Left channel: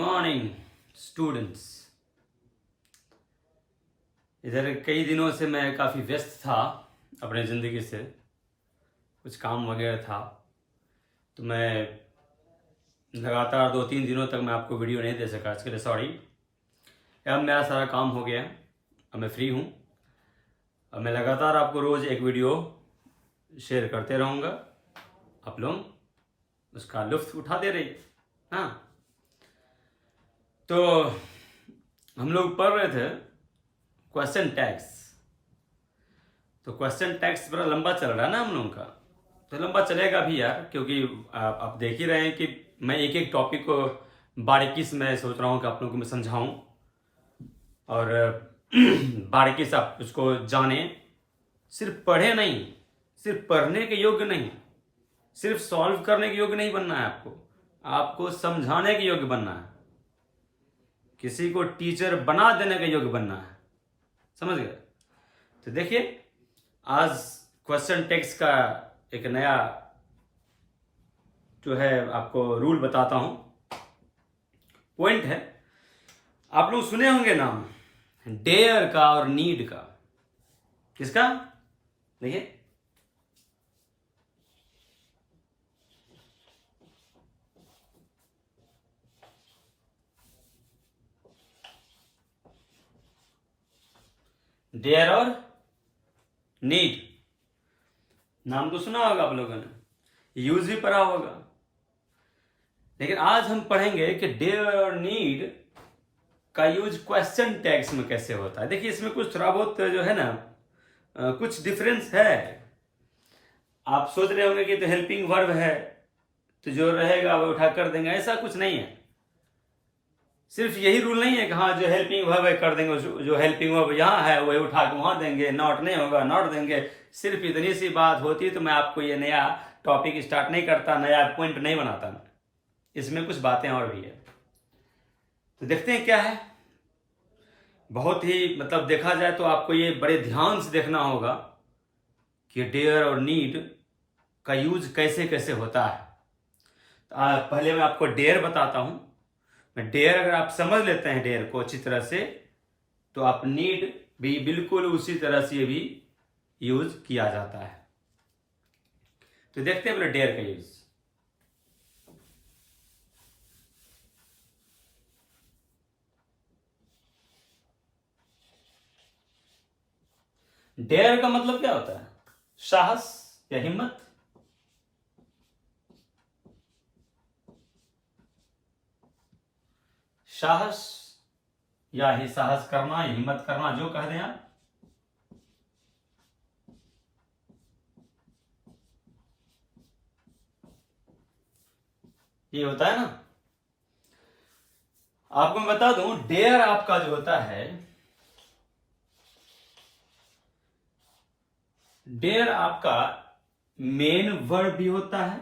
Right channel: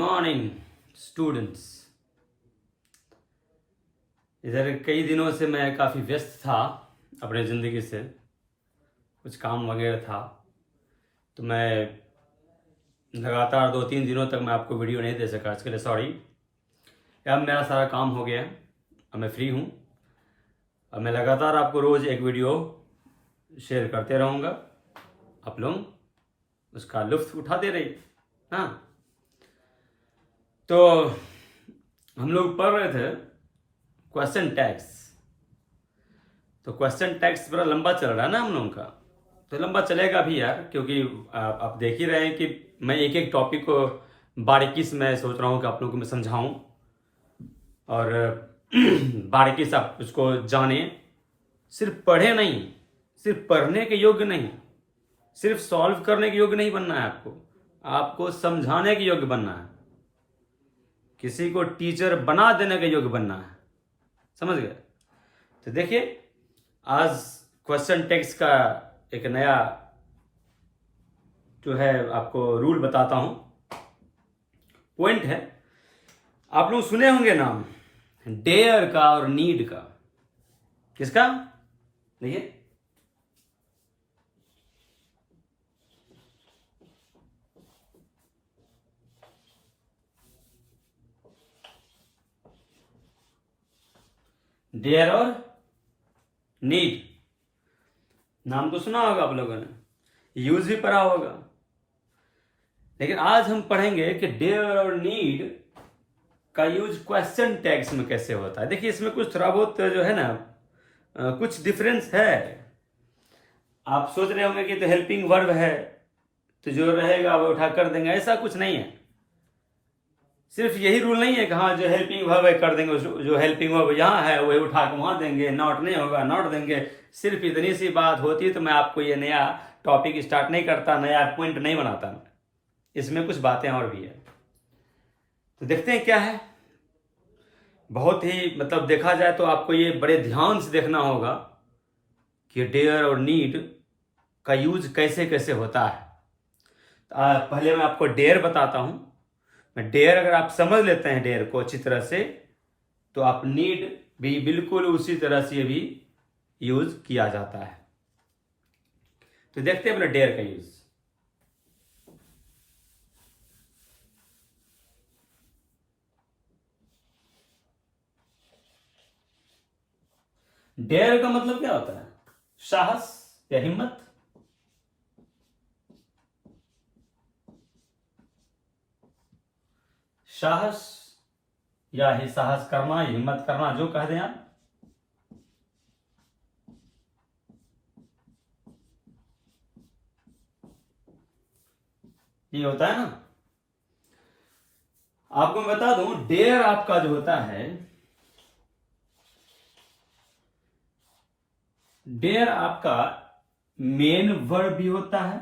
Morning students. इधर कई दिनों से मैं काफ़ी व्यस्त था अपने ज़िंदगी से, कुछ काम वगैरह था, तो मैं लगातार 2-3 दिनों तक मैं आपको वीडियो नहीं दे सका। इसके लिए सॉरी। अब मेरा सारा काम हो गया, अब मैं फ्री हूँ। अब मैं लगातार आपको रोज़ एक वीडियो शेयर करते रहूँगा, आप लोग उसका लुत्फ़ उठाते रहिए। हाँ, तो हम लोग पढ़ रहे थे क्वेश्चन टैग्स। तो क्वेश्चन टैग्स बड़ा लंबा चल रहा है ना हम लोगों का, तो लंबा चलेगा भी यार, क्योंकि आप देख ही रहे हैं कि मैं एक एक टॉपिक को बारीकी से मैं सोच रहा हूँ कि आप लोगों को मैं समझाऊँ और बारीकी से आप उसको जानें। सिर्फ पढ़े नहीं, सिर्फ पढ़ने के योग्य नहीं, सिर्फ सॉल्व करने के योग्य नहीं बनना है आपको, आपको समझाने के योग्य बनना है, किसी को टीचर बना देने के योग्य बनना है। समझ गए? तो देखिए, आज क्वेश्चन टैग्स का एक नया जो है आपको रूल बताता हूं। पॉइंट है, आप लोग सुने होंगे नाम डेयर का और नीड का। किसका? देखिए, डेयर और नीड नाम तो सुना होगा आप लोगों ने, यूज भी पढ़ा होगा। लेकिन आज हम पढ़ेंगे कि डेयर और नीड का यूज क्वेश्चन टैग्स में कैसे होता है। देखिए, इसमें कुछ थोड़ा बहुत जो है ना, कुछ डिफरेंस है। आप सोच रहे होंगे कि तो हेल्पिंग वर्ब है तो जो रहेगा वो उठा कर देंगे, ऐसा कुछ नहीं है। सिर्फ यही रूल नहीं है कि हाँ जो हेल्पिंग वर्ब है कर देंगे, जो हेल्पिंग वर्ब यहाँ है वही उठा के वहाँ देंगे, नॉट नहीं होगा नॉट देंगे। सिर्फ इतनी सी बात होती तो मैं आपको ये नया टॉपिक स्टार्ट नहीं करता, नया पॉइंट नहीं बनाता। इसमें कुछ बातें और भी है, तो देखते हैं क्या है। बहुत ही मतलब देखा जाए तो आपको ये बड़े ध्यान से देखना होगा कि डेयर और नीड का यूज कैसे कैसे होता है। पहले मैं आपको डेयर बताता हूं। मैं डेयर, अगर आप समझ लेते हैं डेयर को अच्छी तरह से, तो आप नीड भी बिल्कुल उसी तरह से भी यूज किया जाता है। तो देखते हैं अपने डेयर का यूज। डेयर का मतलब क्या होता है? साहस या हिम्मत। साहस या ही साहस करना, हिम्मत करना, जो कह दें आप। ये होता है ना। आपको मैं बता दूं, डेयर आपका जो होता है, डेयर आपका मेन वर्ब भी होता है,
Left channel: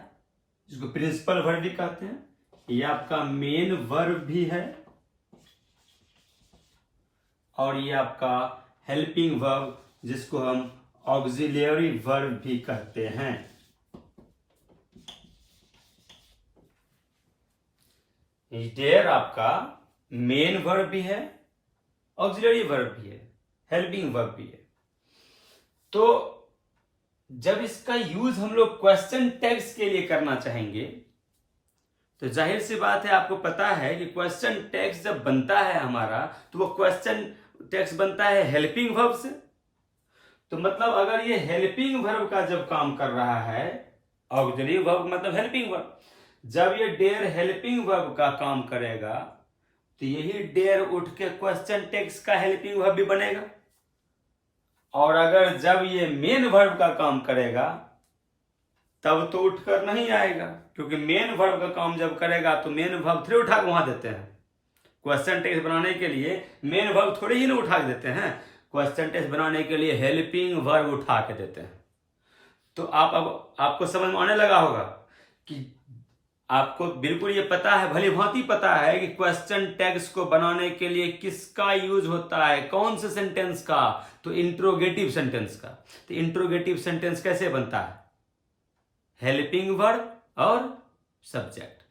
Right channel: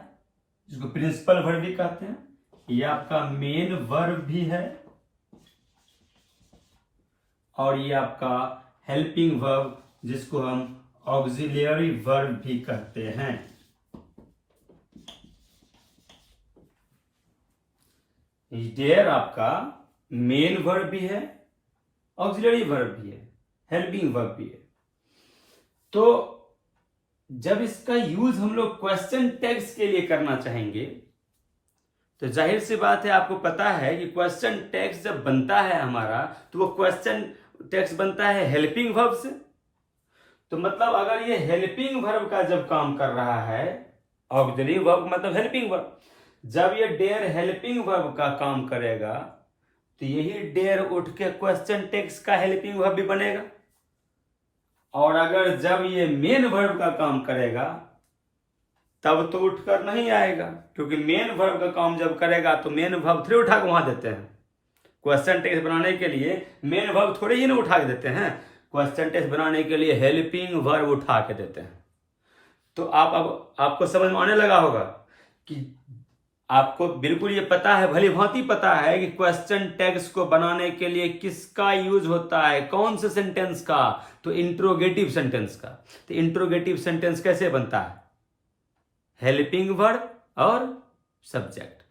जिसको प्रिंसिपल वर्ब भी कहते हैं। ये आपका मेन वर्ब भी है और ये आपका हेल्पिंग वर्ब, जिसको हम ऑक्सिलियरी वर्ब भी कहते हैं। डेयर आपका मेन वर्ब भी है, ऑक्सिलियरी वर्ब भी है, हेल्पिंग वर्ब भी है। तो जब इसका यूज हम लोग क्वेश्चन टैग्स के लिए करना चाहेंगे, तो जाहिर सी बात है, आपको पता है कि क्वेश्चन टैग्स जब बनता है हमारा, तो वो क्वेश्चन टैग्स बनता है हेल्पिंग वर्ब से। तो मतलब अगर ये हेल्पिंग वर्ब का जब काम कर रहा है, ऑक्सिलरी वर्ब मतलब हेल्पिंग वर्ब, जब ये डेयर हेल्पिंग वर्ब का काम करेगा, तो यही डेयर उठ के क्वेश्चन टैग्स का हेल्पिंग वर्ब भी बनेगा। और अगर जब ये मेन वर्ब का काम करेगा, तब तो उठकर नहीं आएगा, क्योंकि मेन वर्ब का काम जब करेगा तो मेन वर्ब थोड़े उठा के वहां देते हैं। क्वेश्चन टेक्स्ट बनाने के लिए मेन वर्ब थोड़े ही ना उठा के देते हैं, क्वेश्चन टेक्स्ट बनाने के लिए हेल्पिंग वर्ब उठा के देते हैं। तो अब आपको समझ में आने लगा होगा कि आपको बिल्कुल ये पता है, भली भांति पता है कि क्वेश्चन टैग्स को बनाने के लिए किसका यूज होता है, कौन से सेंटेंस का? तो इंट्रोगेटिव सेंटेंस का। तो इंट्रोगेटिव सेंटेंस कैसे बनता है? हेल्पिंग वर्ब और सब्जेक्ट।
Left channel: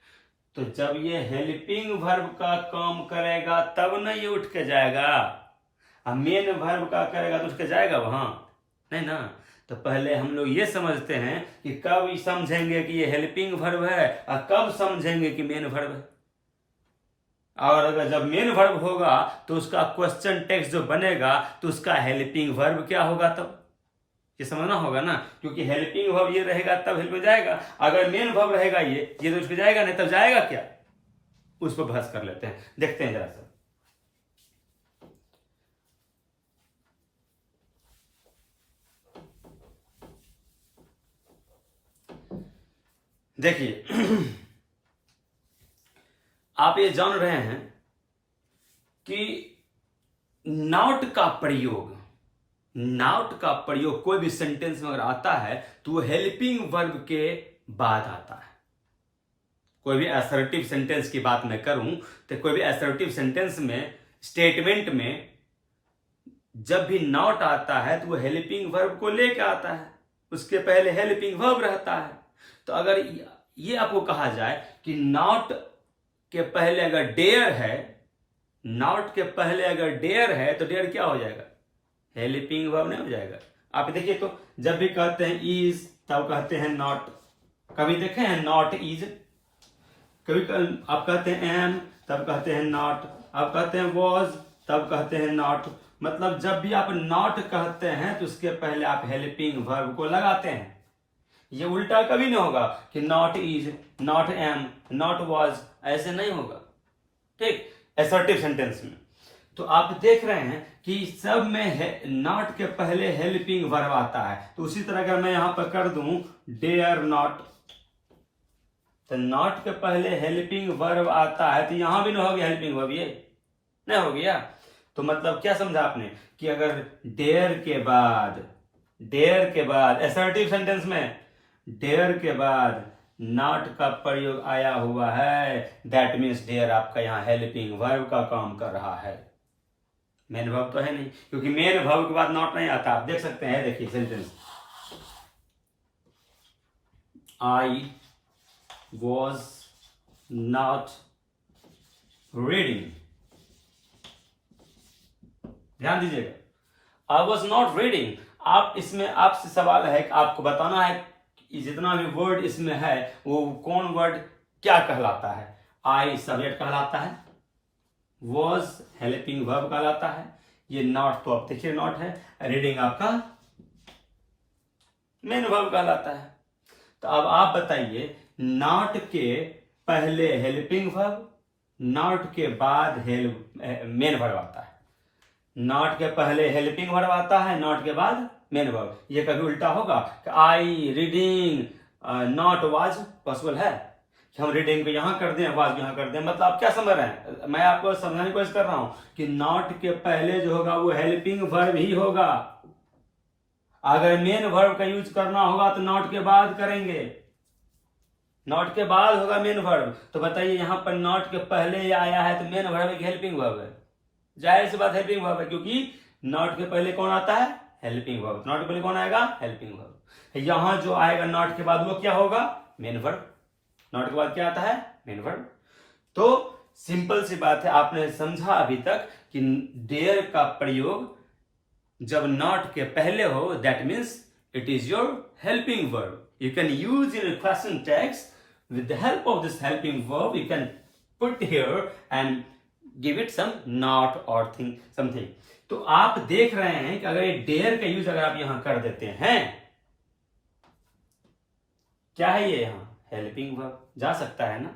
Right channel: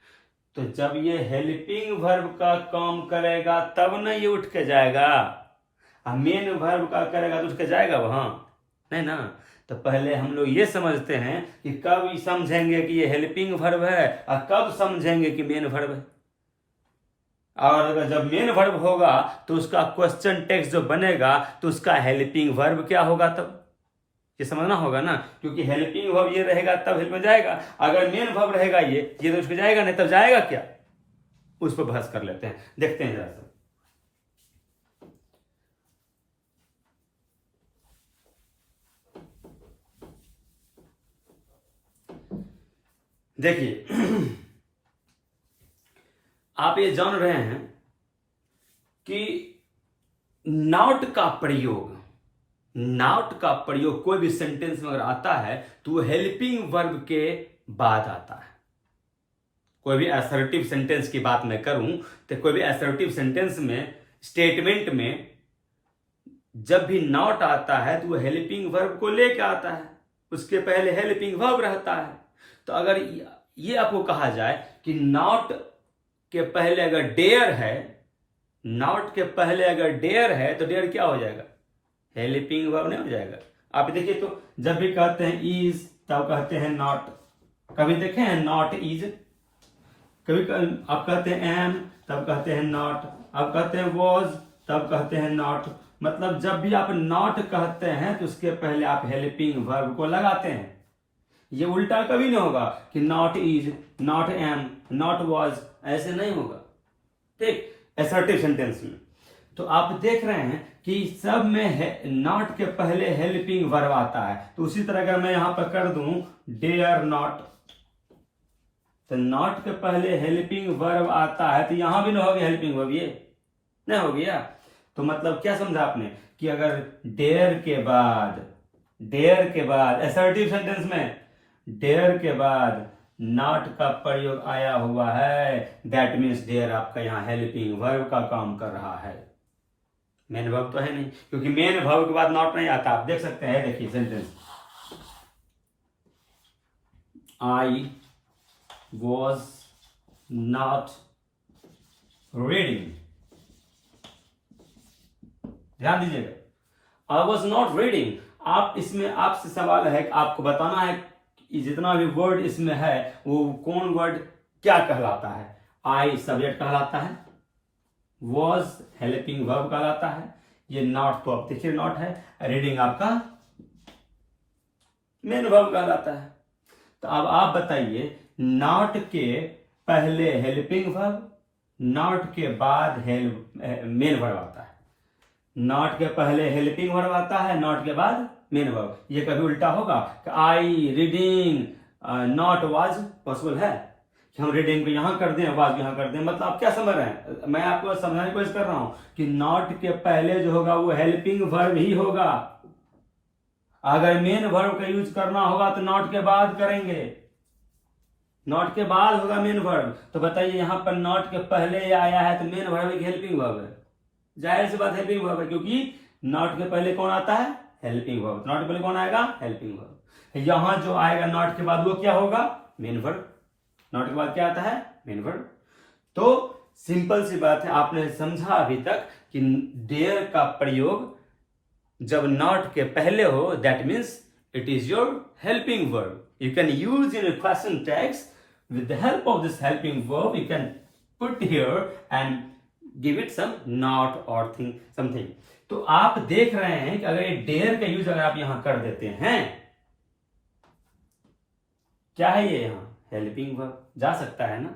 तो जब ये हेल्पिंग वर्ब का काम करेगा तब ना ये उठ के जाएगा। अब मेन वर्ब का करेगा तो उठ के जाएगा वहां, नहीं ना। तो पहले हम लोग ये समझते हैं कि कब समझेंगे कि ये हेल्पिंग वर्ब है और कब समझेंगे कि मेन वर्ब है। और अगर जब मेन वर्ब होगा तो उसका क्वेश्चन टेक्स्ट जो बनेगा तो उसका हेल्पिंग वर्ब क्या होगा, तब ये समझना होगा ना, क्योंकि हेल्पिंग वर्ब ये रहेगा तब हेल्प में जाएगा। अगर मेन वर्ब रहेगा ये तो उसको जाएगा नहीं, तब जाएगा क्या, उस पर बहस कर लेते हैं, देखते हैं जरा सा। देखिए आप ये जान रहे हैं कि नॉट का प्रयोग कोई भी सेंटेंस में अगर आता है तो वो हेल्पिंग वर्ब के बाद आता है। कोई भी असर्टिव सेंटेंस की बात मैं करूं तो कोई भी असर्टिव सेंटेंस में, स्टेटमेंट में जब भी नॉट आता है तो वो हेल्पिंग वर्ब को लेकर आता है, उसके पहले हेल्पिंग वर्ब रहता है। तो अगर ये आपको कहा जाए कि नॉट के पहले अगर डेयर है, नॉट के पहले अगर डेयर है तो डेयर क्या हो जाएगा, हेल्पिंग वर्ब नहीं हो जाएगा। आप देखिए तो जब भी कहते हैं इज तब कहते हैं नॉट, कभी देखे हैं नॉट इज, कभी आप कहते हैं एम तब कहते हैं नॉट, आप कहते हैं वॉज तब कहते हैं नॉट। मतलब जब भी आप नॉट कहते हैं तो उसके पहले आप हेल्पिंग वर्ब को लगाते हैं। ये उल्टा कभी नहीं होगा कि not is, not am, not was, ऐसे नहीं होगा, ठीक, असर्टिव सेंटेंस में। तो आप देख रहे हैं कि सब में नॉट के पहले हेल्पिंग वर्ब आता है। तो उसी तरह अगर मैं यहां पर कर दूं डेयर नॉट, तो नॉट के पहले हेल्पिंग वर्ब आता है तो यहां भी नहीं होगी हेल्पिंग वर्ब, ये नहीं हो गया। तो मतलब क्या समझा आपने कि अगर डेयर के बाद असर्टिव सेंटेंस में डेयर के बाद नॉट का प्रयोग आया हुआ है, दैट मीन्स डेयर आपका यहां हेल्पिंग वर्ब का काम कर रहा है, मेन वर्ब तो है नहीं, क्योंकि मेन वर्ब के बाद नॉट नहीं आता। आप देख सकते हैं, देखिए sentence, I was not reading, ध्यान दीजिएगा, आई वॉज नॉट रीडिंग। आप इसमें आपसे सवाल है कि आपको बताना है जितना भी वर्ड इसमें है वो कौन वर्ड क्या कहलाता है। आई सब्जेक्ट कहलाता है, वॉज हेल्पिंग वर्ब कहलाता है, ये नॉट तो आप देखिए नॉट है, रीडिंग आपका मेन वर्ब कहलाता है। तो अब आप बताइए नॉट के पहले हेल्पिंग वर्ब, नॉट के बाद मेन वर्ब आता है, नॉट के पहले हेल्पिंग वर्ब आता है, नॉट के बाद मेन वर्ब। ये कभी उल्टा होगा कि I reading not was, possible है कि हम रीडिंग को यहां कर दें, वाज यहां कर दें। मतलब आप क्या समझ रहे हैं, मैं आपको समझाने की कोशिश कर रहा हूं कि नॉट के पहले जो होगा वो हेल्पिंग वर्ब ही होगा। अगर मेन वर्ब का यूज करना होगा तो नॉट के बाद करेंगे, नॉट के बाद होगा मेन वर्ब। तो बताइए यहां पर नॉट के पहले आया है तो मेन वर्ब एक हेल्पिंग वर्ब है, जाहिर सी बात हेल्पिंग वर्ब है, क्योंकि नॉट के पहले कौन आता है, हेल्पिंग वर्ब। नॉट के पहले कौन आएगा, हेल्पिंग वर्ब। यहां जो आएगा नॉट के बाद वो क्या होगा, मेन वर्ब। नॉट के बाद क्या आता है, मेन वर्ब। तो सिंपल सी बात है, आपने समझा अभी तक कि डेयर का प्रयोग जब नॉट के पहले हो that means it is your helping verb. You can use in question text with the help of this helping verb you can put here and give it some not or thing something। तो आप देख रहे हैं कि अगर ये dare का use अगर आप यहां कर देते हैं, क्या है ये, यहां हेल्पिंग वर्ब जा सकता है ना,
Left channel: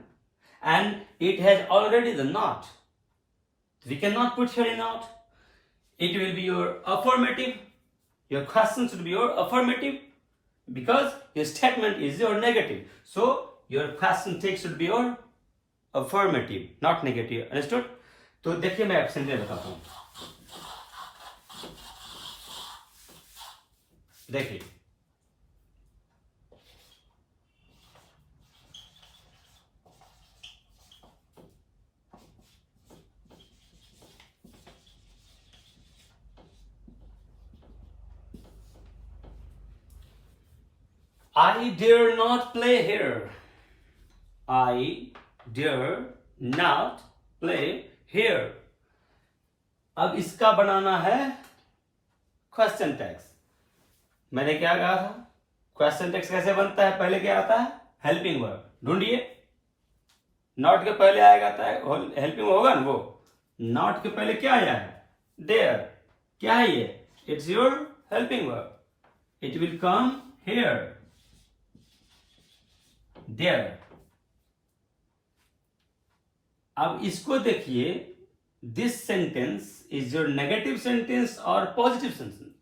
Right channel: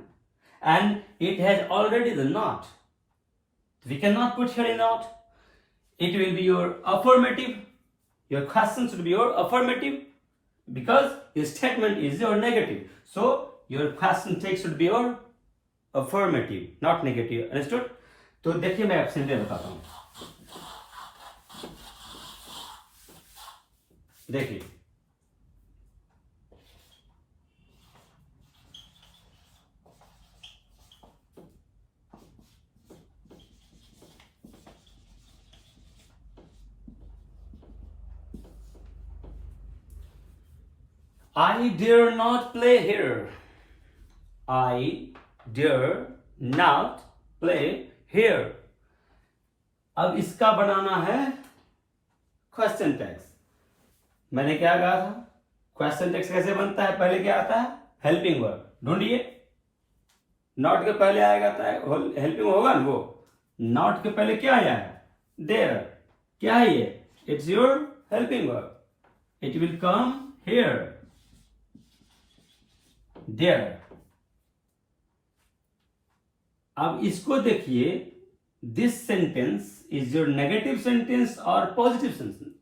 and it has already the not, we cannot put here a not, it will be your affirmative, your question should be your affirmative because your statement is your negative, so your question text should be your affirmative not negative, understood। तो देखिए मैं option दे बताता हूं, देखिए I dare not play here, I dare not play here. अब इसका बनाना है question tags. मैंने क्या कहा था, क्वेश्चन टैग्स कैसे बनता है, पहले क्या आता है, हेल्पिंग वर्ब। ढूंढिए, नॉट के पहले आएगा था हेल्पिंग होगा ना, वो नॉट के पहले क्या आया है, देयर। क्या है ये, it's your helping verb, it will come here, there. अब इसको देखिए, this sentence is your negative sentence और positive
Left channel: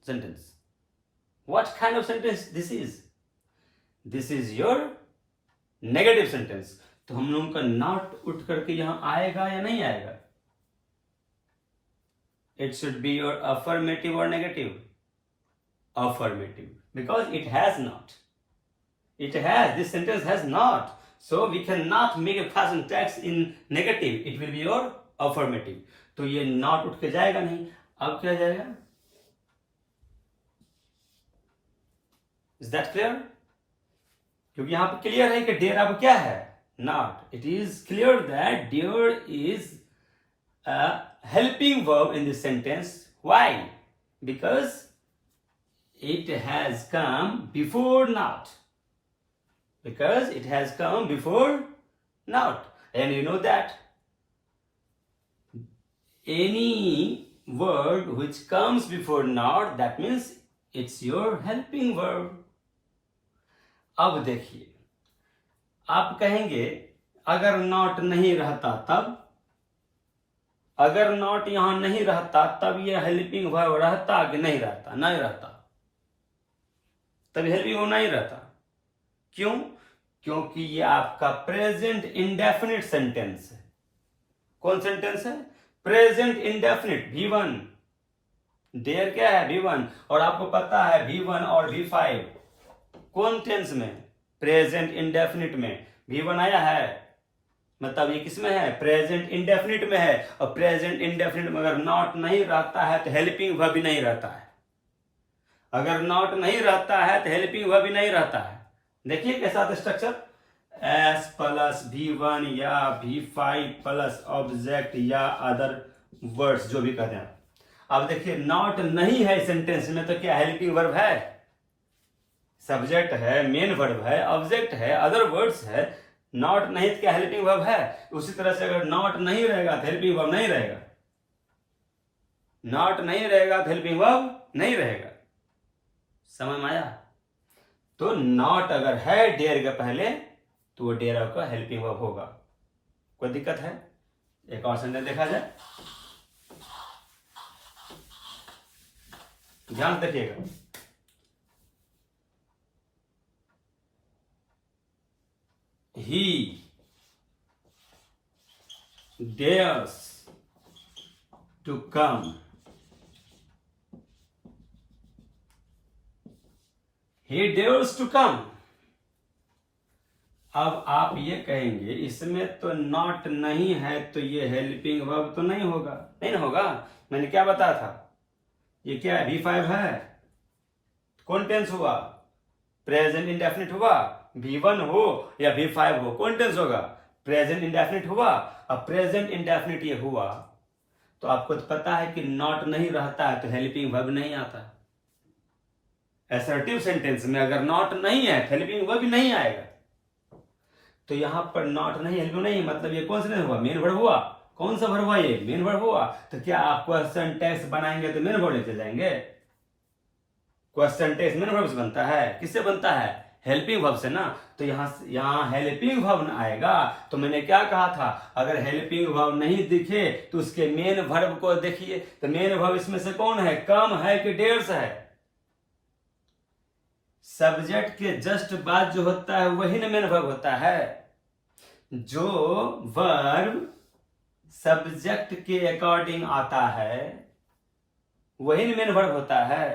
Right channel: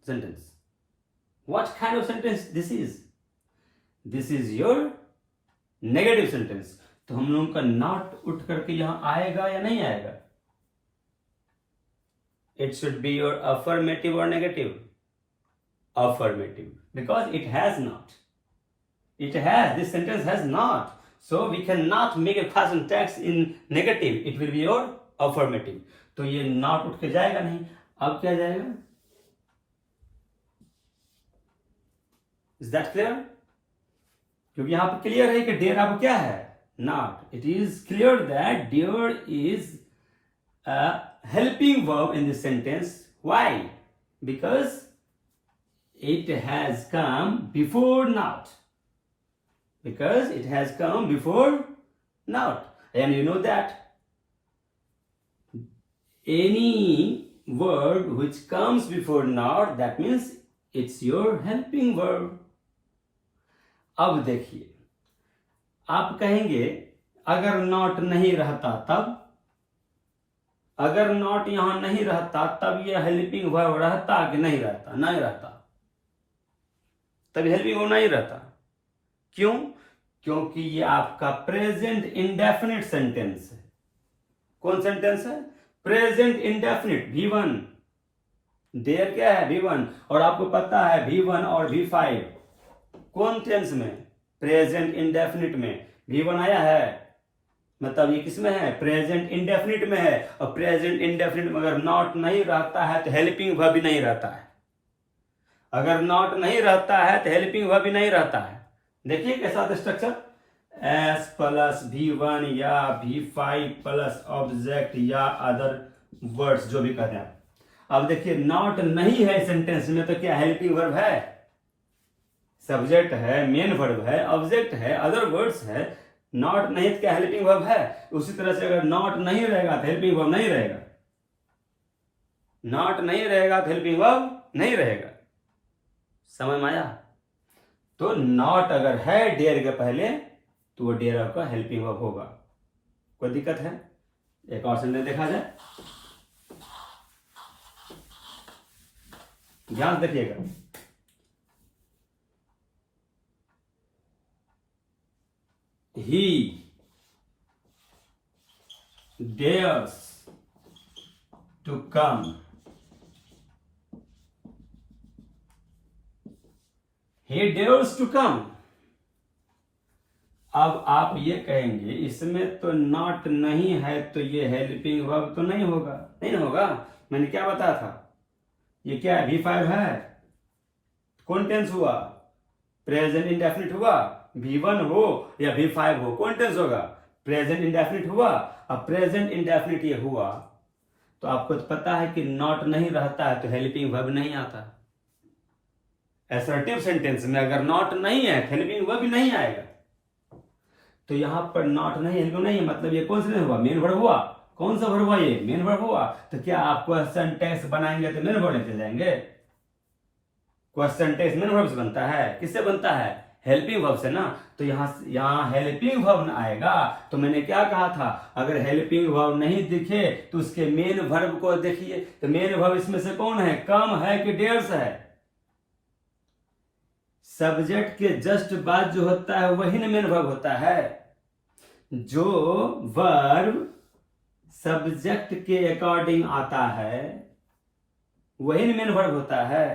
sentence. What kind of sentence this is? This is your negative sentence. तो हम लोगों का not उठ करके यहां आएगा या नहीं आएगा? It should be your affirmative or negative? Affirmative, because it has not. It has, this sentence has not. So we cannot make a present tense in negative. It will be your affirmative. तो ये not उठ के जाएगा नहीं। अब क्या जाएगा? Is that clear? क्योंकि यहां पर क्लियर है कि डेयर अब क्या है, not. It is clear that dare is a helping verb in this sentence. Why? Because it has come before not, because it has come before not. And you know that any word which comes before not, that means it's your helping verb. अब देखिए, आप कहेंगे अगर not नहीं रहता तब, अगर not यहां नहीं रहता तब यह हेल्पिंग वर्ब रहता कि नहीं रहता? नहीं रहता, तब हेल्पिंग वर्ब नहीं रहता। क्यों? क्योंकि ये आपका प्रेजेंट इंडेफिनिट सेंटेंस है। कौन सेंटेंस है? Present indefinite, V1। देयर क्या है, V1। और आपको पता है V1 और V5 कौन टेंस में? प्रेजेंट इंडेफिनिट में V1 आया है, मतलब ये किस में है, प्रेजेंट इंडेफिनिट में है। और प्रेजेंट इंडेफिनिट में अगर नॉट नहीं रहता है तो हेल्पिंग वर्ब भी नहीं रहता है। अगर नॉट नहीं रहता है तो हेल्पिंग वर्ब भी नहीं रहता है। देखिए के साथ स्ट्रक्चर, S प्लस V1 या V5 प्लस ऑब्जेक्ट या अदर वर्ड्स, जो भी कहते हैं। अब देखिए, नॉट नहीं है सेंटेंस में तो क्या हेल्पिंग वर्ब है? सब्जेक्ट है, मेन वर्ब है, ऑब्जेक्ट है, अदर वर्ड्स है। नॉट नहीं तो क्या हेल्पिंग वर्ब है? उसी तरह से अगर नॉट नहीं रहेगा तो हेल्पिंग वर्ब नहीं रहेगा, नॉट नहीं रहेगा तो हेल्पिंग वर्ब नहीं रहेगा। समझ में आया? तो नॉट अगर है डेयर के पहले तो वो डेयर का हेल्पिंग वर्ब होगा। कोई दिक्कत है? एक और सेंटेंस देखा जाए, ध्यान देखिएगा। He dares to come. He dares to come. अब आप ये कहेंगे इसमें तो नॉट नहीं है तो ये हेल्पिंग वर्ब तो नहीं होगा। नहीं ना होगा, मैंने क्या बताया था, ये क्या है, V5 है। कौन टेंस हुआ? प्रेजेंट इंडेफिनिट हुआ। V1 हो या V5 हो, कौन टेंस होगा? प्रेजेंट इंडेफिनिट हुआ। अब प्रेजेंट इंडेफिनिट ये हुआ तो आपको तो पता है कि नॉट नहीं रहता है तो हेल्पिंग वर्ब नहीं आता। असर्टिव सेंटेंस में अगर नॉट नहीं है हेल्पिंग वर्ब भी नहीं आएगा। तो यहां पर नॉट नहीं, हेल्पिंग नहीं है, मतलब ये कौन सा हुआ, मेन वर्ब हुआ। कौन सा वर्ब हुआ? ये मेन वर्ब हुआ। तो क्या आप क्वेश्चन टेक्स्ट बनाएंगे तो मेन वर्ब लेते जाएंगे? क्वेश्चन टेक्स्ट मेन वर्ब से बनता है, किससे बनता है? हेल्पिंग वर्ब से ना। तो यहां हेल्पिंग वर्ब आएगा। तो मैंने क्या कहा था, अगर हेल्पिंग वर्ब नहीं दिखे तो उसके मेन वर्ब को देखिए। तो मेन वर्ब इसमें से कौन है, कम है कि डेयर्स है? सब्जेक्ट के जस्ट बाद जो होता है वही ना मेन वर्ब होता है। जो वर्ब सब्जेक्ट के अकॉर्डिंग आता है वही ना मेन वर्ब होता है।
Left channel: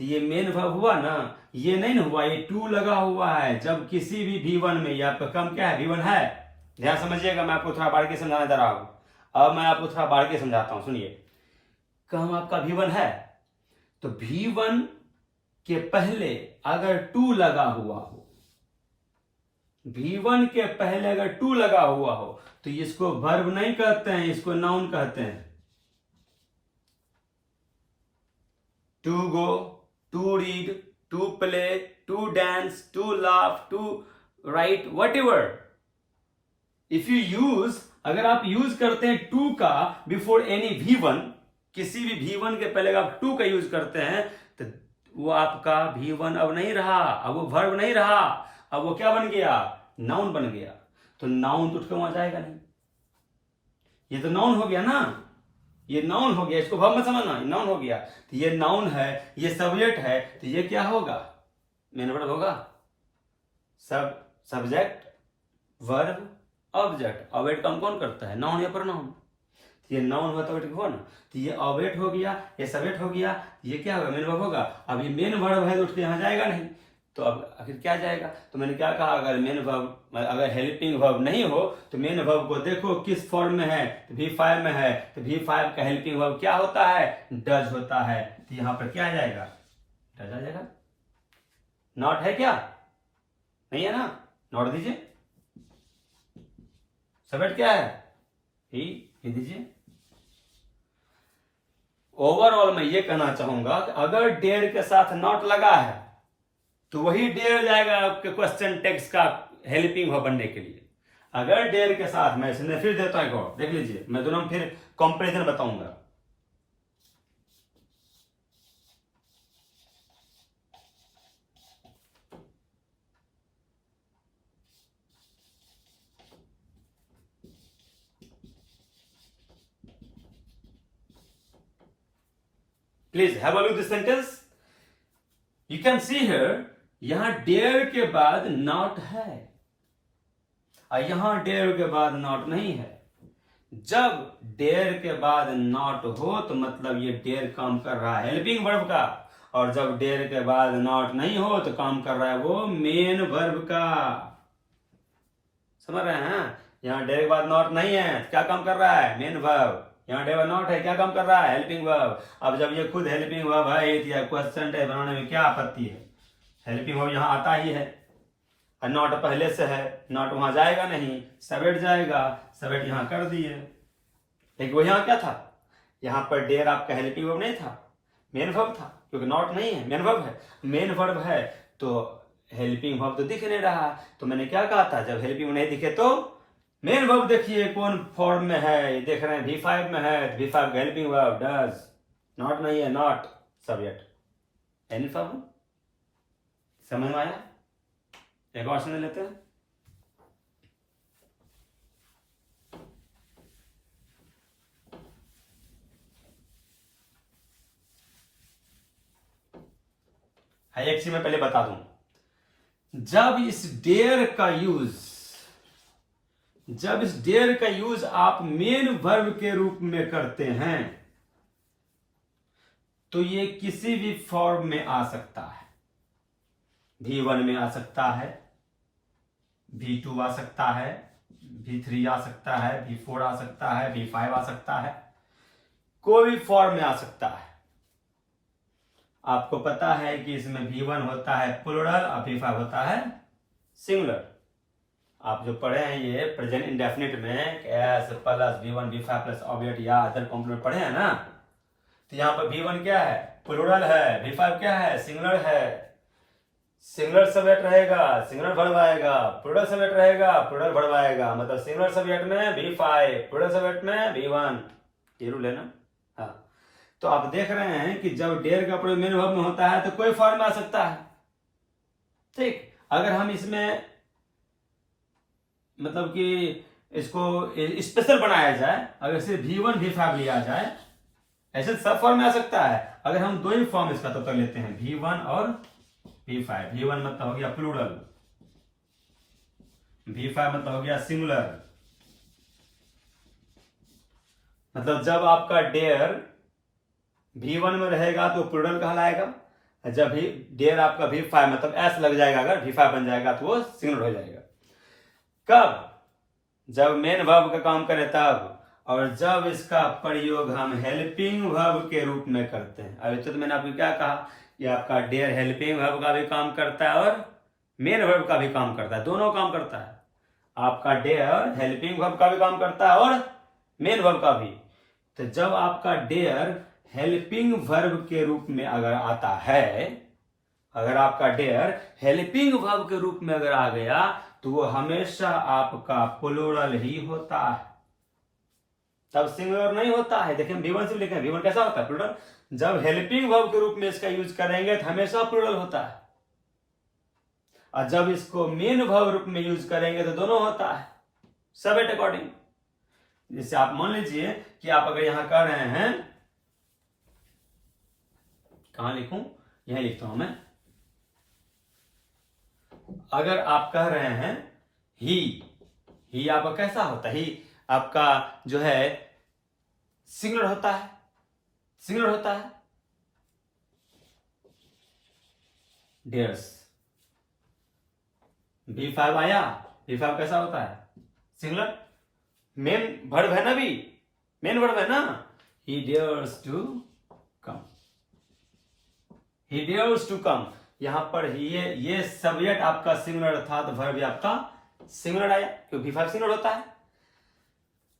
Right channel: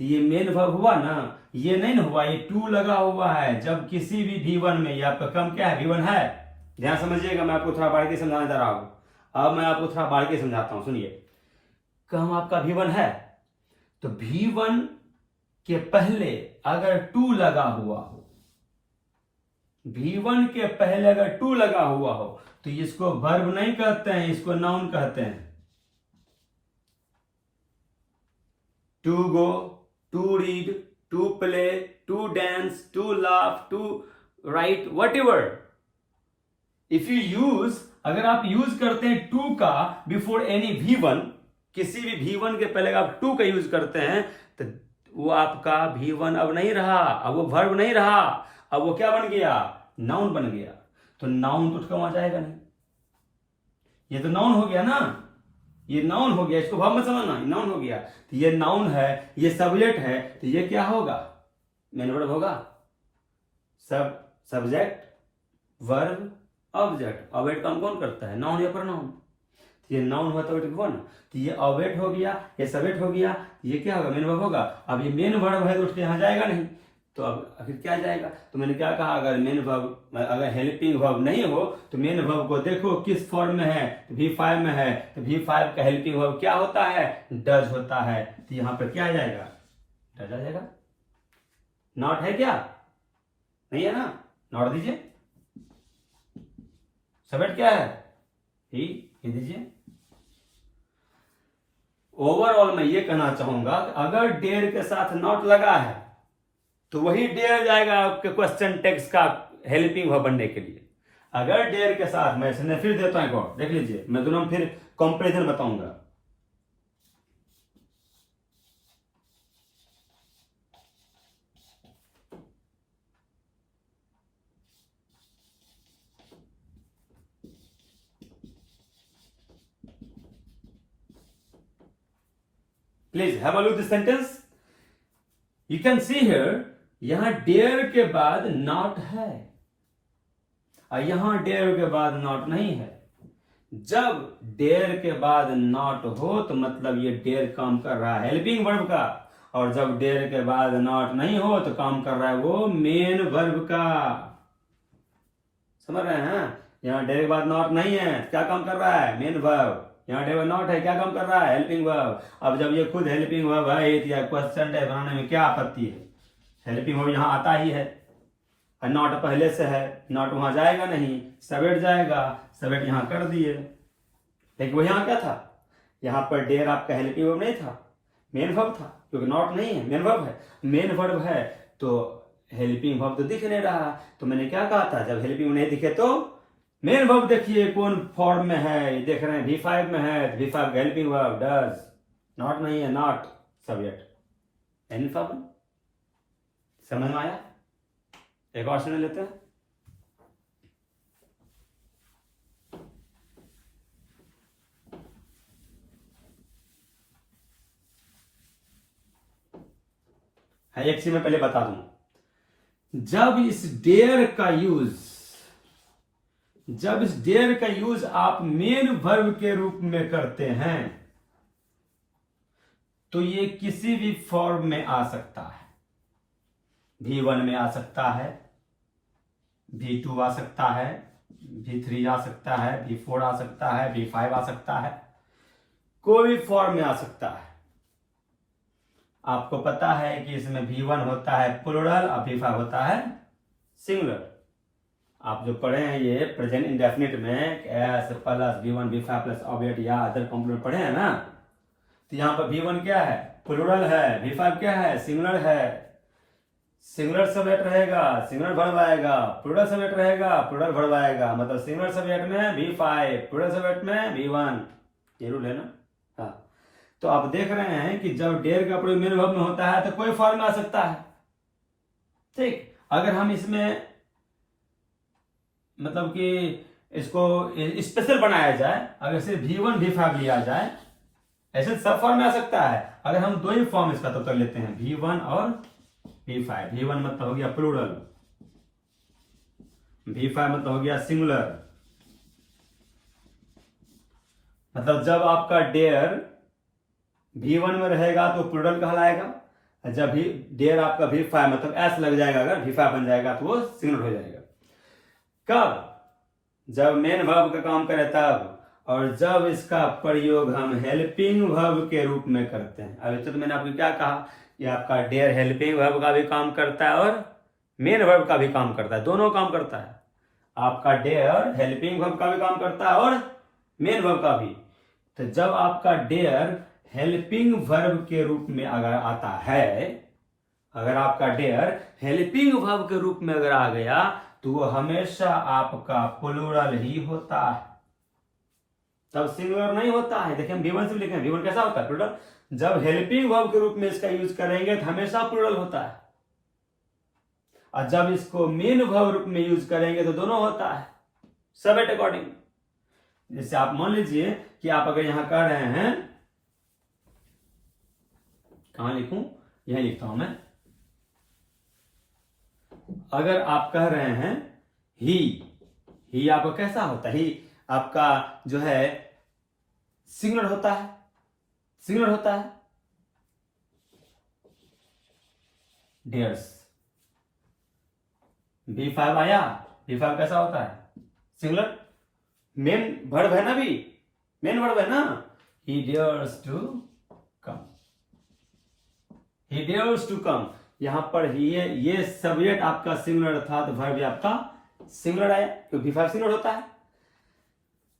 तो ये मेन वर्ब हुआ ना, ये नहीं ना हुआ, ये टू लगा हुआ है जब किसी भी V1 में। या कम क्या है, V1 है। ध्यान समझिएगा, मैं आपको थोड़ा बारीकी समझाने जा रहा हूं। अब मैं आपको थोड़ा बारीकी समझाता हूं, सुनिए। कम आपका V1 है तो V1 के पहले अगर टू लगा हुआ हो V1 के पहले अगर टू लगा हुआ हो तो इसको वर्ब नहीं कहते हैं, इसको नाउन कहते हैं। To go, to read, to play, to dance, to laugh, to write, whatever. If you use, अगर आप यूज करते हैं टू का बिफोर एनी V1, किसी भी V1 के पहले आप टू का यूज करते हैं तो वो आपका V1 अब नहीं रहा, अब वो वर्ब नहीं रहा, अब वो क्या बन गया, नाउन बन गया। तो नाउन तो उठकर वहां जाएगा नहीं, ये तो नाउन हो गया ना, ये नाउन हो गया, इसको भाव मत समझना, ये नाउन हो गया। तो ये नाउन है, ये सब्जेक्ट है, तो ये क्या होगा, मेन वर्ब होगा। Subject, verb, object. ऑब्जेक्ट काम कौन करता है, नाउन या प्रोनाउन। ये नाउन हुआ तो हुआ ना, तो ये ऑब्जेक्ट हो गया, ये सब्जेक्ट हो गया, ये क्या होगा, मेन वर्ब होगा। अब ये मेन वर्ब है तो उठ के यहां जाएगा नहीं, तो अब आखिर क्या जाएगा। तो मैंने क्या कहा, अगर मेन वर्ब, अगर हेल्पिंग वर्ब नहीं हो तो मेन वर्ब को देखो किस फॉर्म में है, तो V5 में है, तो V5 का हेल्पिंग वर्ब क्या होता है, डज होता है। तो यहां पर क्या आ जाएगा, डज आ जाएगा। नॉट है क्या, नहीं है ना, नॉट दीजिए। सब्जेक्ट क्या है, ही दीजिए। ओवरऑल मैं ये कहना चाहूंगा कि अगर डेयर के साथ नॉट लगा है तो वही डेयर जाएगा आपके क्वेश्चन टेक्स्ट का हेल्पिंग वर्ब बनने के लिए। अगर डेयर के साथ, मैं इसने फिर देता हूं, देख लीजिए, मैं दोनों फिर कंपैरिजन बताऊंगा। Please have a look this sentence. You can see here, यहां डेयर के बाद नॉट है और यहां डेयर के बाद नॉट नहीं है। जब डेयर के बाद नॉट हो तो मतलब ये डेयर काम कर रहा है हेल्पिंग वर्ब का, और जब डेयर के बाद नॉट नहीं हो तो काम कर रहा है वो मेन वर्ब का। समझ रहे हैं, यहाँ डेयर के बाद नॉट नहीं है, क्या काम कर रहा है, मेन वर्ब। यहाँ डेयर नॉट है, क्या काम कर रहा है, हेल्पिंग वर्ब। अब जब ये खुद हेल्पिंग वर्ब है तो क्वेश्चन टेक्स्ट बनाने में क्या आपत्ति है, हेल्पिंग वर्ब यहाँ आता ही है, नॉट पहले से है, नॉट वहां जाएगा नहीं, सब्जेक्ट जाएगा, सब्जेक्ट यहां कर दिए। लेकिन वो यहां क्या था, यहां पर डेयर आपका हेल्पिंग वर्ब नहीं था, मेन वर्ब था, क्योंकि नॉट नहीं है, मेन वर्ब है। मेन वर्ब है तो हेल्पिंग वर्ब तो दिख नहीं रहा। तो मैंने क्या कहा था, जब हेल्पिंग नहीं दिखे तो मेन वर्ब देखिए कौन फॉर्म में है, ये देख रहे हैं V5 में है, तो V5 का हेल्पिंग वर्ब डज, नॉट नहीं है, नॉट सब्जेक्ट, एनी फॉर्म। समझ में आया, एक और सुन लेते हैं। एक चीज मैं पहले बता दूं, जब इस डेयर का यूज आप मेन वर्ब के रूप में करते हैं तो ये किसी भी फॉर्म में आ सकता है। V1 में आ सकता है, V2 आ सकता है, V3 आ सकता है, V4 आ सकता है, V5 आ सकता है, कोई भी फॉर्म में आ सकता है। आपको पता है कि इसमें V1 होता है प्लूरल और V5 होता है सिंगुलर। आप जो पढ़े हैं ये प्रेजेंट इंडेफिनिट में S plus V1 V5 plus object या अदर कॉम्पोनेंट पढ़े हैं ना, तो यहां पर V1 क्या है, प्लूरल है, V5 क्या है, सिंगुलर है। सिंगुलर सब्जेक्ट रहेगा, सिंगुलर वर्ब आएगा, प्लूरल सब्जेक्ट रहेगा, प्लूरल वर्ब आएगा। मतलब सिंगुलर सब्जेक्ट में V5, प्लूरल सब्जेक्ट में V1, ये रूल है ना। हाँ, तो आप देख रहे हैं कि जब डेयर का प्रयोग मेन वर्ब में होता है तो कोई फॉर्म में आ सकता है। ठीक, अगर हम इसमें मतलब कि इसको स्पेशल बनाया जाए, अगर सिर्फ V1 V5 लिया जाए, ऐसे सब फॉर्म में आ सकता है। अगर हम दो ही फॉर्म इसका तो कर लेते हैं, V1 और V5। V1 मतलब हो गया प्लूरल, V5 मतलब हो गया सिंगुलर। मतलब जब आपका डेयर V1 में रहेगा तो प्लूरल कहलाएगा, जब भी डेयर आपका V5 मतलब S लग जाएगा, अगर V5 बन जाएगा तो वो सिंगुलर हो जाएगा। कब, जब मेन वर्ब का काम करे तब, और जब इसका प्रयोग हम हेल्पिंग वर्ब के रूप में करते हैं। अभी तो मैंने आपको क्या कहा कि आपका डेयर हेल्पिंग वर्ब का भी काम करता है और मेन वर्ब का भी काम करता है, दोनों काम करता है। आपका डेयर हेल्पिंग वर्ब का भी काम करता है और मेन वर्ब का भी। तो जब आपका डेयर हेल्पिंग वर्ब के रूप में अगर आता है, अगर आपका डेयर हेल्पिंग वर्ब के रूप में अगर आ गया तो वो हमेशा आपका प्लूरल ही होता है, तब सिंगुलर नहीं होता है। देखें V1 से लिखें, V1 कैसा होता है? प्लूरल। जब हेल्पिंग वर्ब के रूप में इसका यूज करेंगे तो हमेशा प्लूरल होता है, और जब इसको मेन वर्ब रूप में यूज करेंगे तो दोनों होता है, सबेट अकॉर्डिंग। जैसे आप मान लीजिए कि आप अगर यहां कह रहे हैं, कहां लिखूं, यहां लिखता हूं मैं। अगर आप कह रहे हैं ही आपका कैसा होता है? ही आपका जो है सिंगुलर होता है, सिंगुलर होता है। डियर्स V5 आया, V5 कैसा होता है? सिंगुलर। मेन वर्ब है ना, भी मेन वर्ब है ना। He dares to come, he dares to come. यहां पर ये सब्जेक्ट आपका सिंगुलर था तो वर्ब आपका सिंगुलर आया, क्योंकि V5 सिंगुलर होता है।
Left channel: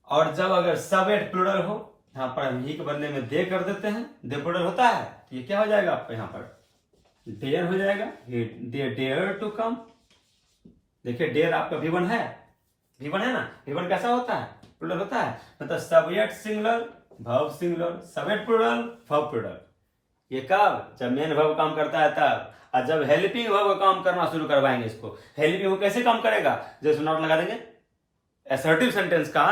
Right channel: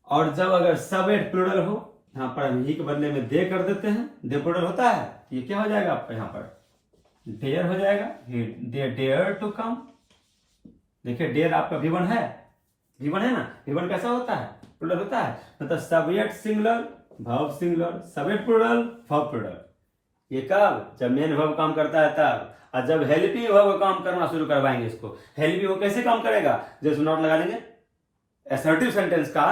और जब अगर सब्जेक्ट प्लूरल हो, यहां पर हम ही के बदले में दे कर देते हैं, दे प्लूरल होता है, ये क्या हो जाएगा आपका? यहां पर डेयर हो जाएगा, दे डेयर टू कम। देखिए डेयर आपका V1 है, V1 है ना। V1 कैसा होता है? प्लूरल होता है। मतलब subject singular, verb singular, subject plural, verb plural. ये कब? जब मेन वर्ब काम करता है तब। और जब हेल्पिंग वर्ब काम करना शुरू करवाएंगे इसको, हेल्पिंग वर्ब कैसे काम करेगा? जैसे नॉट लगा देंगे, असर्टिव सेंटेंस का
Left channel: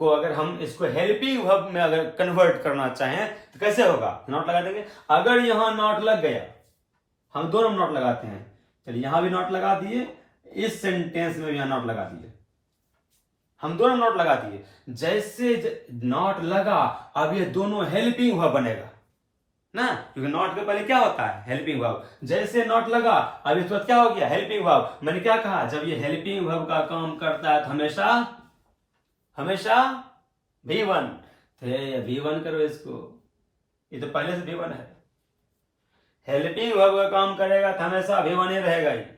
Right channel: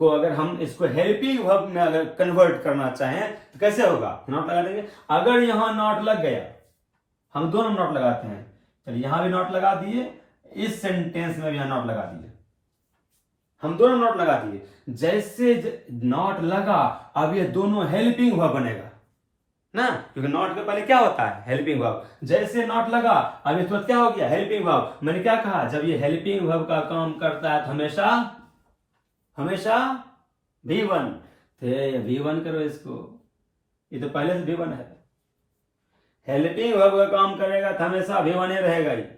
को अगर हम इसको हेल्पिंग वर्ब में अगर कन्वर्ट करना चाहें तो कैसे होगा? नॉट लगा देंगे। अगर यहां नॉट लग गया, हम दोनों नॉट लगाते हैं, चलिए यहां भी नॉट लगा दिए, इस सेंटेंस में भी यहां नॉट लगा दिए, हम दोनों नॉट लगा दिए। जैसे नॉट लगा, अब ये दोनों हेल्पिंग वर्ब बनेगा ना, क्योंकि नॉट के पहले क्या होता है? Helping verb. जैसे नॉट लगा, अब इस वक्त क्या हो गया? Helping verb. मैंने क्या कहा? जब ये हेल्पिंग वर्ब का काम करता है तो हमेशा हमेशा V1 थे, V1 करो इसको, ये तो पहले से V1 है। हेल्पिंग वर्ब का काम करेगा तो हमेशा V1 ही रहेगा, ये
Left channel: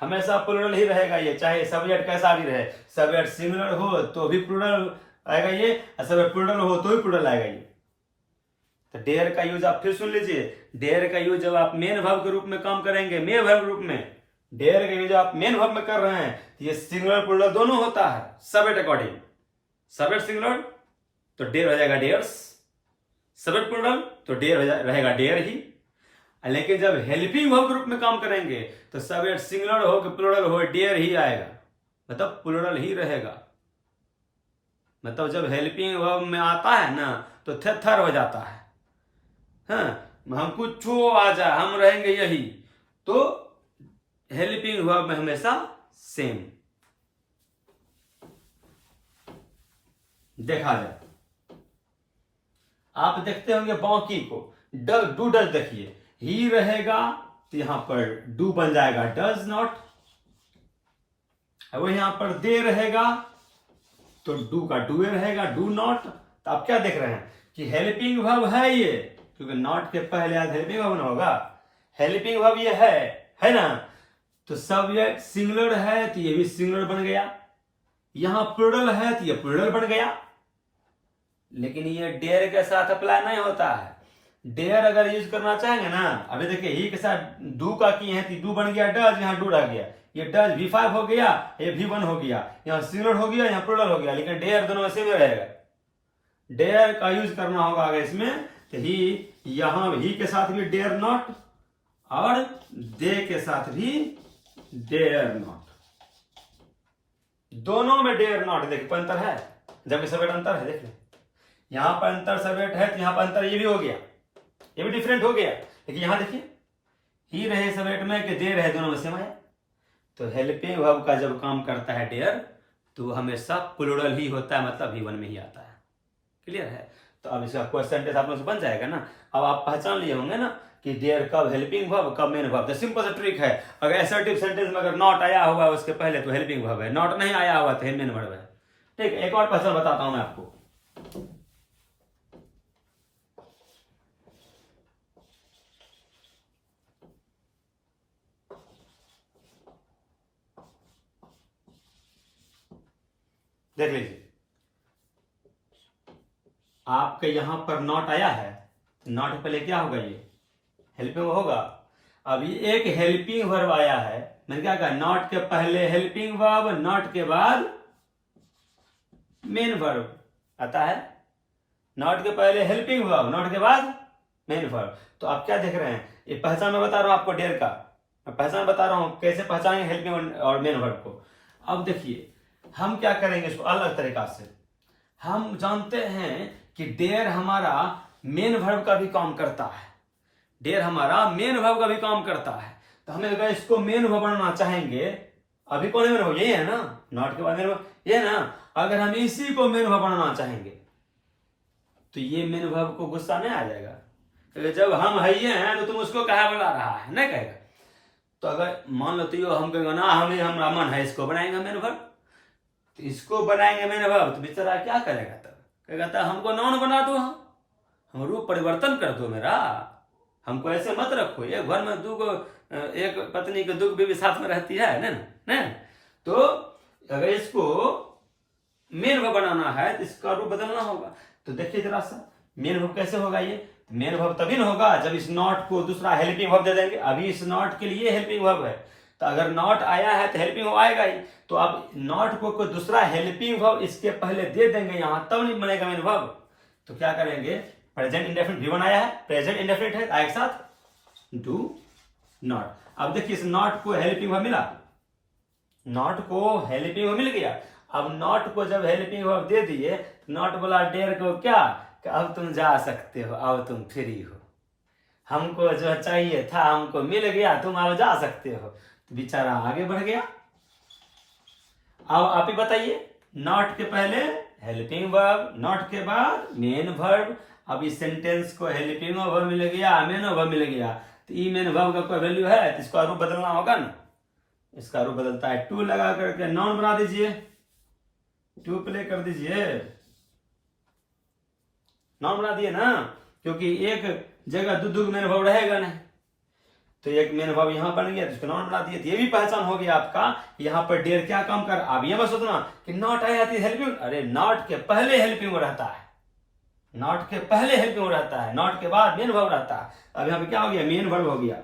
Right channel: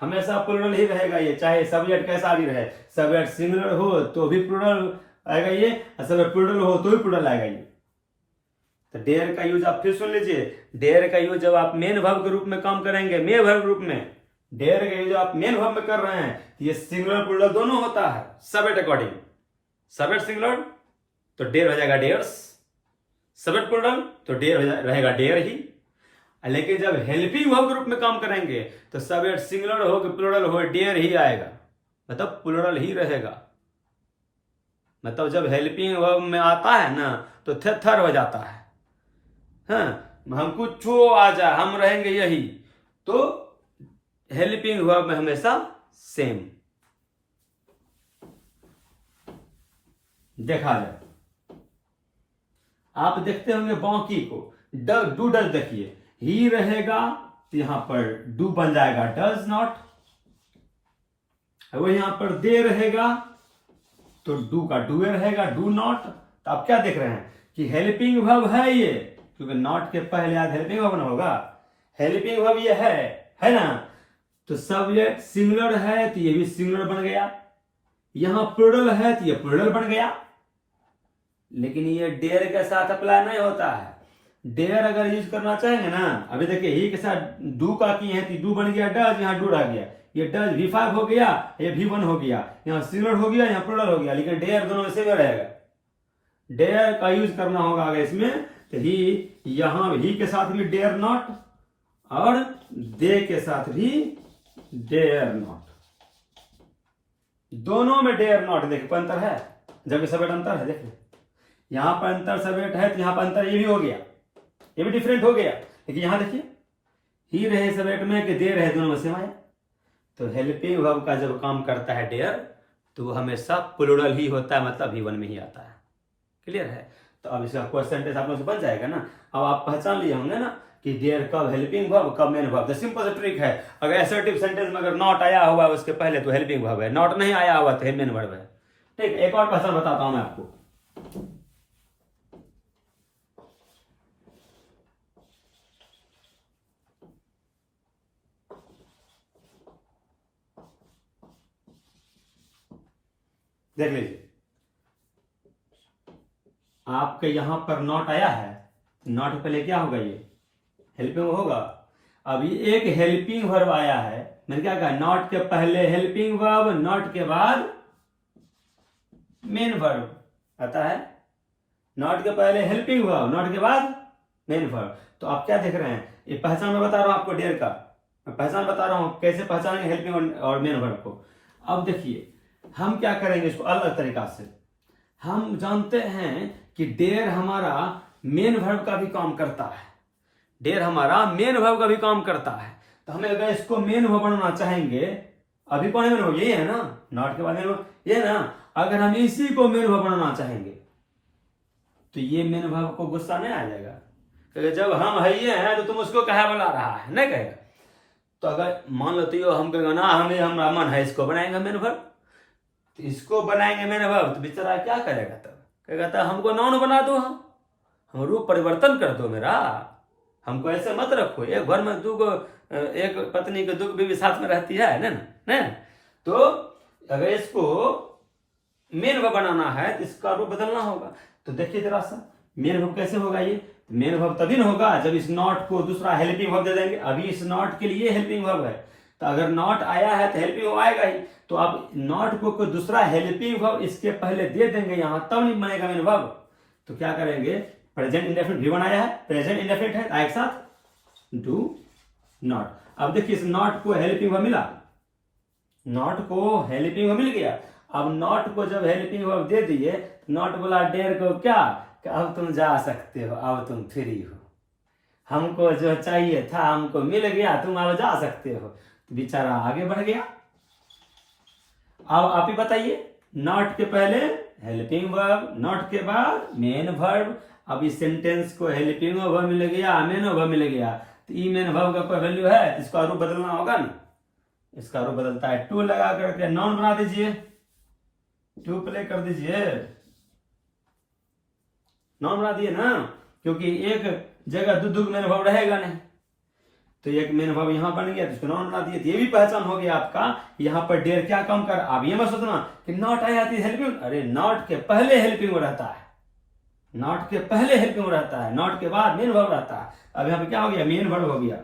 हमेशा प्लूरल ही रहेगा ये, चाहे सब्जेक्ट कैसा भी रहे। सब्जेक्ट सिंगुलर हो तो भी प्लूरल आएगा ये, और सब्जेक्ट प्लूरल हो तो भी प्लूरल आएगा ये। तो डेयर का यूज आप फिर सुन लीजिए। डेयर का यूज जब आप मेन वर्ब के रूप में काम करेंगे, मेन वर्ब के रूप में, डेयर का यूज आप मेन वर्ब में कर रहे हैं, तो ये सिंगुलर प्लूरल दोनों होता है, सब्जेक्ट अकॉर्डिंग। सब्जेक्ट सिंगुलर तो डेयर हो जाएगा डेयर्स, सब्जेक्ट प्लूरल तो डेयर रहेगा डेयर ही। लेकिन जब हेल्पिंग वर्ब के रूप में काम करेंगे तो सब्जेक्ट सिंगुलर हो कि प्लूरल हो, डेयर ही आएगा, मतलब प्लूरल ही रहेगा। मतलब जब हेल्पिंग वर्ब में आता है ना तो थर हो जाता है। हाँ, हम कुछ आ जाए, हम रहेंगे यही, तो हेल्पिंग वर्ब में हमेशा सेम देखा जाए। आप देखते होंगे बाकी को, डू डज देखिए, ही रहेगा तो यहां पर डू बन जाएगा डज नॉट, वो यहां पर दे रहेगा तो डू का डू रहेगा डू नॉट। तो आप क्या देख रहे हैं कि हेल्पिंग वर्ब है ये, क्योंकि नॉट के पहले आज हेल्पिंग वर्ब ना होगा, हेल्पिंग वर्ब ये है ना। तो सब्जेक्ट सिंगुलर है तो ये भी सिंगुलर बन गया, यहां प्लूरल है तो ये प्लूरल बन गया। लेकिन ये डेयर के साथ अप्लाई नहीं होता है। डेयर अगर यूज करना चाहेंगे ना, अभी देखिए ही के साथ डू का की है तो डू बन गया डज, यहां डू रह गया, ये डज V5 हो गया, ये V1 हो गया, यहां सिंगुलर हो गया, यहां प्लूरल हो गया, लेकिन डेयर दोनों में सेम रहेगा। डेयर का यूज करना होगा अगर इसमें तो ही, यहां ही के साथ भी डेयर नॉट और दे के साथ भी डेयर नॉट, दोनों में डेयर नॉट। देखिए अंतर है, जबकि सब्जेक्ट अंतर है, देखिए यहां पर अंतर सब्जेक्ट है तो यहां पर अंतर ये भी हो गया, ये भी डिफरेंट हो गया। लेकिन यहां देखिए ही रहे सब्जेक्ट में कि दे रहे, दोनों में सेम आया। तो हेल्पिंग वर्ब का जब काम करता है डेयर तो हमेशा प्लूरल ही होता है, मतलब V1 में ही आता है। क्लियर है? तो अब इसका क्वेश्चन टेस्ट आप लोगों से बन जाएगा ना। अब आप पहचान लिए होंगे ना कि देयर कब हेल्पिंग वर्ब कब मेन वर्ब। तो सिंपल सा ट्रिक है, अगर असर्टिव सेंटेंस में अगर नॉट आया हुआ है उसके पहले तो हेल्पिंग वर्ब है, नॉट नहीं आया हुआ तो मेन वर्ब है। ठीक, एक और पहचान बताता हूं मैं आपको। देख लीजिए, आपके यहां पर नॉट आया है, नॉट के पहले क्या होगा, ये हेल्पिंग होगा। अभी एक हेल्पिंग वर्ब आया है, मैंने क्या कहा, नॉट के पहले हेल्पिंग वर्ब, नॉट के बाद मेन वर्ब आता है। नॉट के पहले हेल्पिंग वर्ब, नॉट के बाद मेन वर्ब। तो आप क्या देख रहे हैं, ये पहचान मैं बता रहा हूं आपको डेयर का, मैं पहचान बता रहा हूं कैसे पहचानेंगे हेल्पिंग और मेन वर्ब को। अब देखिए हम क्या करेंगे इसको अलग तरीका से। हम जानते हैं कि डेयर हमारा मेन वर्ब का भी काम करता है, डेयर हमारा मेन वर्ब का भी काम करता है। तो हमें अगर इसको मेन वर्ब बनाना चाहेंगे, अभी कौन है मेन वर्ब, यही है ना, नॉट के बाद मेन वर्ब ये है ना। अगर हम इसी को मेन वर्ब बनाना चाहेंगे तो ये मेन वर्ब को गुस्सा नहीं आ जाएगा, क्योंकि जब हम है ये हैं तो तुम उसको कहा बुला रहा है, नहीं कहेगा। तो अगर मान लो तो हम कहेंगे ना, हमें हमारा मन है इसको बनाएंगे मेन वर्ब, तो इसको बनाएंगे मेन वर्ब, तो बेचारा क्या करेगा, तब कहेगा तब हमको नाउन बना दो, हम रूप परिवर्तन कर दो मेरा, हमको ऐसे मत रखो। एक घर में दो एक पत्नी के दो बीवी साथ में रहती है ना। तो अगर इसको मेन वर्ब बनाना है तो इसका रूप बदलना होगा। तो देखिए जरा सा मेन वर्ब कैसे होगा, ये मेन वर्ब तभी ना होगा जब इस नॉट को दूसरा हेल्पिंग वर्ब दे देंगे। अभी इस नॉट के लिए हेल्पिंग वर्ब है, तो अगर नॉट आया है तो हेल्पिंग वर्ब आएगा ही। तो अब नॉट को कोई दूसरा हेल्पिंग वर्ब इसके पहले दे देंगे यहां, तब नहीं बनेगा मेन वर्ब। तो क्या करेंगे, प्रेजेंट इंडेफिनिट V1 आया है, प्रेजेंट इंडेफिनिट है, आए एक साथ डू नॉट। अब देखिए इस नॉट को हेल्पिंग वर्ब मिला, नॉट को हेल्पिंग वर्ब मिल गया। अब नॉट को जब हेल्पिंग वर्ब दे दिए, नॉट बोला डेयर को क्या, कि अब तुम जा सकते हो, अब तुम फ्री हो, हमको जो चाहिए था हमको मिल गया, तुम अब जा सकते हो। तो बेचारा आगे बढ़ गया। अब आप ही बताइए, नॉट के पहले हेल्पिंग वर्ब, नॉट के बाद मेन वर्ब। अब इस सेंटेंस को हेल्पिंग वर्ब मिल गया, मेन वर्ब मिल गया, तो ई मेन वर्ब का कोई वैल्यू है तो इसका रूप बदलना होगा ना। इसका रूप बदलता है, टू लगा करके नाउन बना दीजिए, टू प्ले कर दीजिए, नाउन बना दिए ना, क्योंकि एक जगह दो मेन वर्ब रहेगा नहीं। तो एक मेन वर्ब यहां बन गया तो इसको नाउन बना दिए। तो ये भी पहचान हो गया आपका, यहां पर डेयर क्या काम कर। अब ये मत सोचना कि नॉट आया थी हेल्पिंग, अरे नॉट के पहले हेल्पिंग रहता है, नॉट के पहले हेल्पिंग रहता है, नॉट के बाद मेन वर्ब रहता है। अब यहाँ पे क्या हो गया, मेन वर्ब हो गया।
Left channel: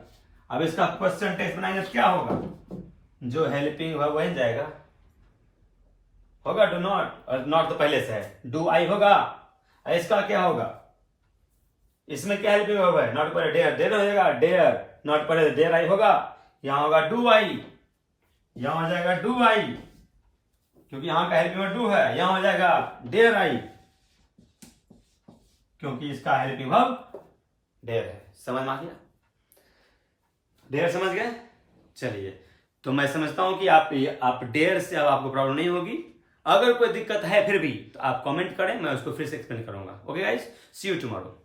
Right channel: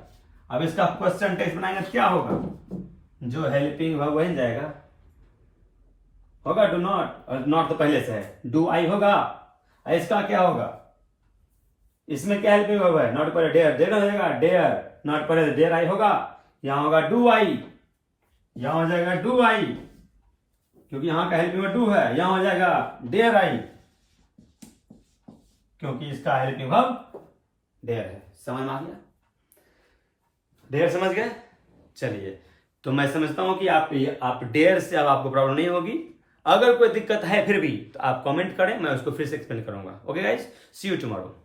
अब इसका क्वेश्चन टेक्स्ट बनाएंगे तो क्या होगा, जो हेल्पिंग वर्ब वही जाएगा, होगा डू नॉट, और नॉट तो पहले से है, डू आई होगा। इसका क्या होगा, इसमें क्या हेल्पिंग वर्ब है, नॉट पर डेयर, डेयर हो जाएगा डेयर, नॉट पर डेयर आई होगा, यहां होगा डू आई, यहां हो जाएगा डू आई, क्योंकि यहां का हेल्पिंग वर्ब डू है, यहां हो जाएगा डेयर आई, क्योंकि इसका हेल्पिंग वर्ब डेयर है। समझ में आ गया, डेयर समझ गए। चलिए, तो मैं समझता हूं कि आप डेयर से अब आपको प्रॉब्लम नहीं होगी। अगर कोई दिक्कत है फिर भी तो आप कमेंट करें, मैं उसको फिर से एक्सप्लेन करूंगा। Okay guys, see you tomorrow.